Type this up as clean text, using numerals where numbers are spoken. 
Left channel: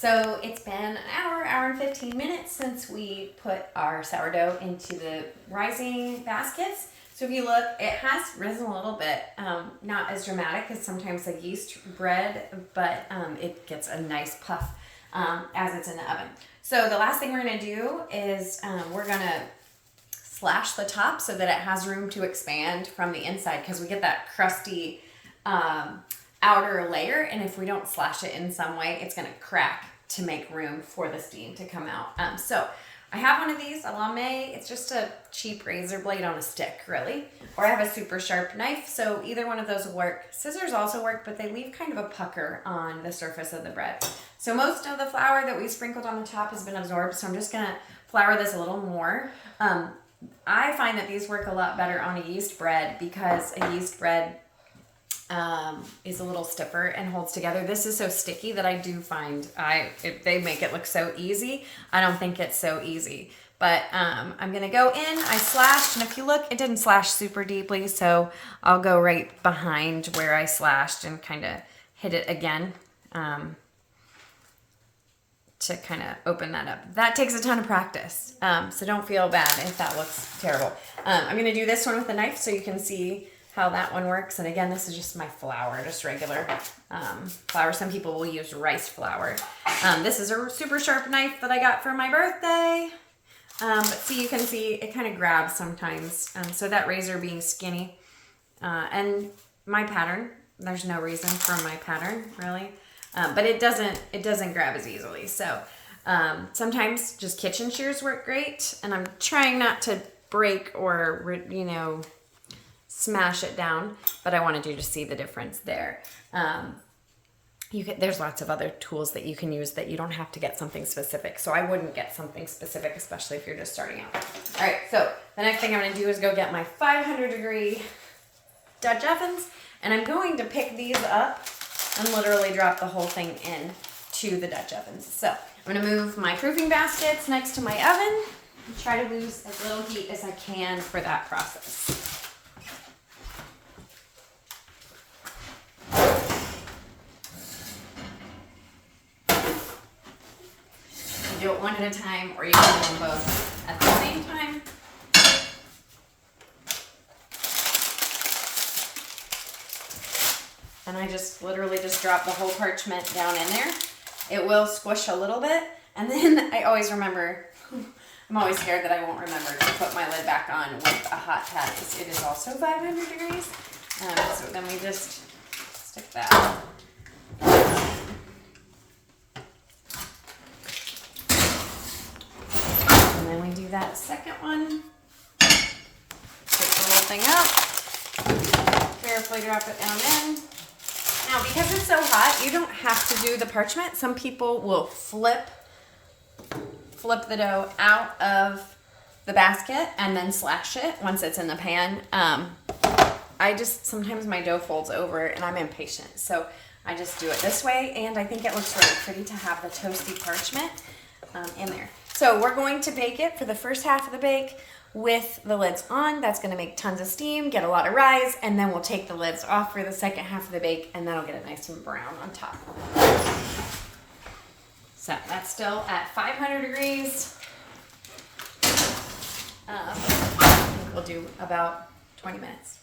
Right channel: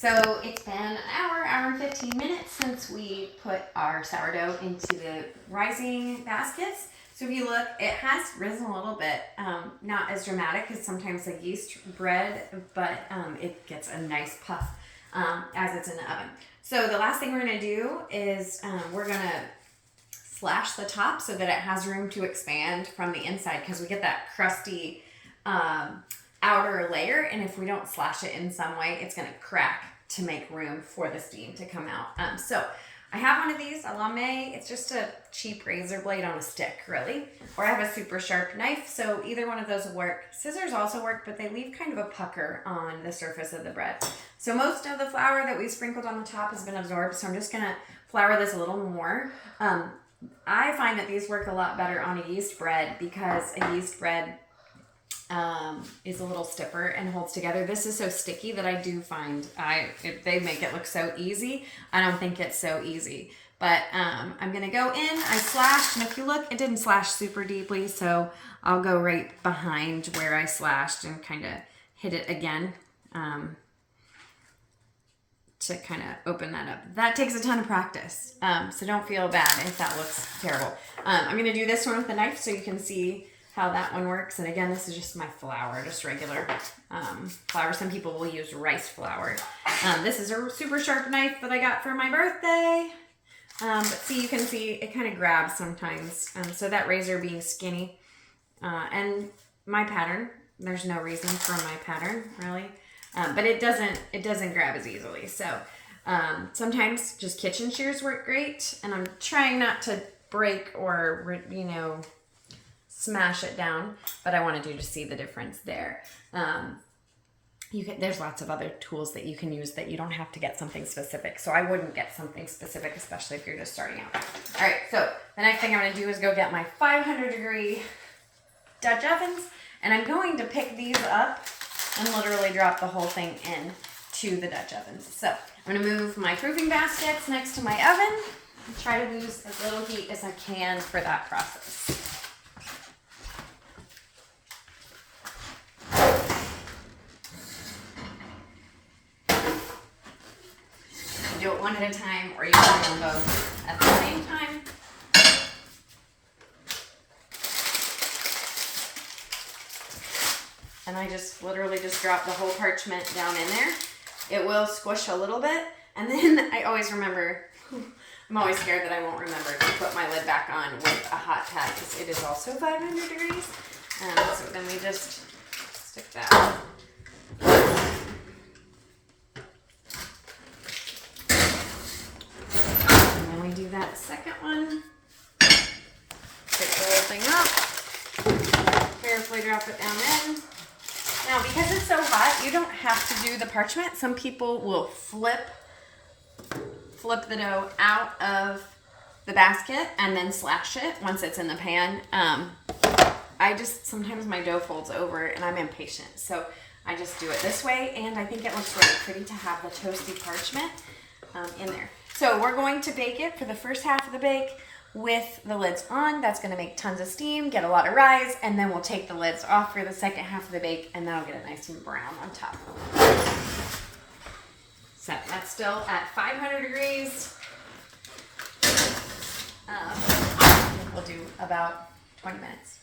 So it's been an hour and 15 minutes since we put our sourdough into the rising baskets. So if you look, it has risen a little bit, not as dramatic as sometimes a yeast bread, but it gets a nice puff as it's in the oven. So the last thing we're gonna do is we're gonna slash the top so that it has room to expand from the inside, because we get that crusty outer layer, and if we don't slash it in some way, it's gonna crack to make room for the steam to come out. So I have one of these, a lame. It's just a cheap razor blade on a stick, really. Or I have a super sharp knife, so either one of those will work. Scissors also work, but they leave kind of a pucker on the surface of the bread. So most of the flour that we sprinkled on the top has been absorbed, so I'm just gonna flour this a little more. I find that these work a lot better on a yeast bread because a yeast bread is a little stiffer and holds together. This is so sticky that I do find they make it look so easy. I don't think it's so easy, but I'm gonna go in. I slashed, and if you look, it didn't slash super deeply, so I'll go right behind where I slashed and kind of hit it again to kind of open that up. That takes a ton of practice, so don't feel bad if that looks terrible. I'm gonna do this one with a knife so you can see how that one works. And again, this is just my flour, just regular flour. Some people will use rice flour. This is a super sharp knife that I got for my birthday. But see, you can see it kind of grabs sometimes. So that razor being skinny. And my pattern, there's no reason for my pattern, really. But it doesn't grab as easily. So sometimes just kitchen shears work great. And I'm trying not to break or, smash it down, but I wanted you to see the difference there. There's lots of other tools that you can use that you don't have to get something specific. So I wouldn't get something specific, especially if you're just starting out. All right, so the next thing I'm gonna do is go get my 500-degree Dutch ovens, and I'm going to pick these up and literally drop the whole thing in to the Dutch ovens. So I'm gonna move my proofing baskets next to my oven and try to lose as little heat as I can for that process. Do it one at a time, or you can do them both at the same time. And I just literally just drop the whole parchment down in there. It will squish a little bit, and then I always remember, I'm always scared that I won't remember to put my lid back on with a hot pad. It is also 500 degrees. So then we just stick that. Do that second one. Pick the whole thing up. Carefully drop it down in. Now, because it's so hot, you don't have to do the parchment. Some people will flip the dough out of the basket and then slash it once it's in the pan. Sometimes my dough folds over and I'm impatient. So I just do it this way, and I think it looks really pretty to have the toasty parchment in there. So we're going to bake it for the first half of the bake with the lids on. That's going to make tons of steam, get a lot of rise, and then we'll take the lids off for the second half of the bake, and that'll get it nice and brown on top. So that's still at 500 degrees. I think we'll do about 20 minutes.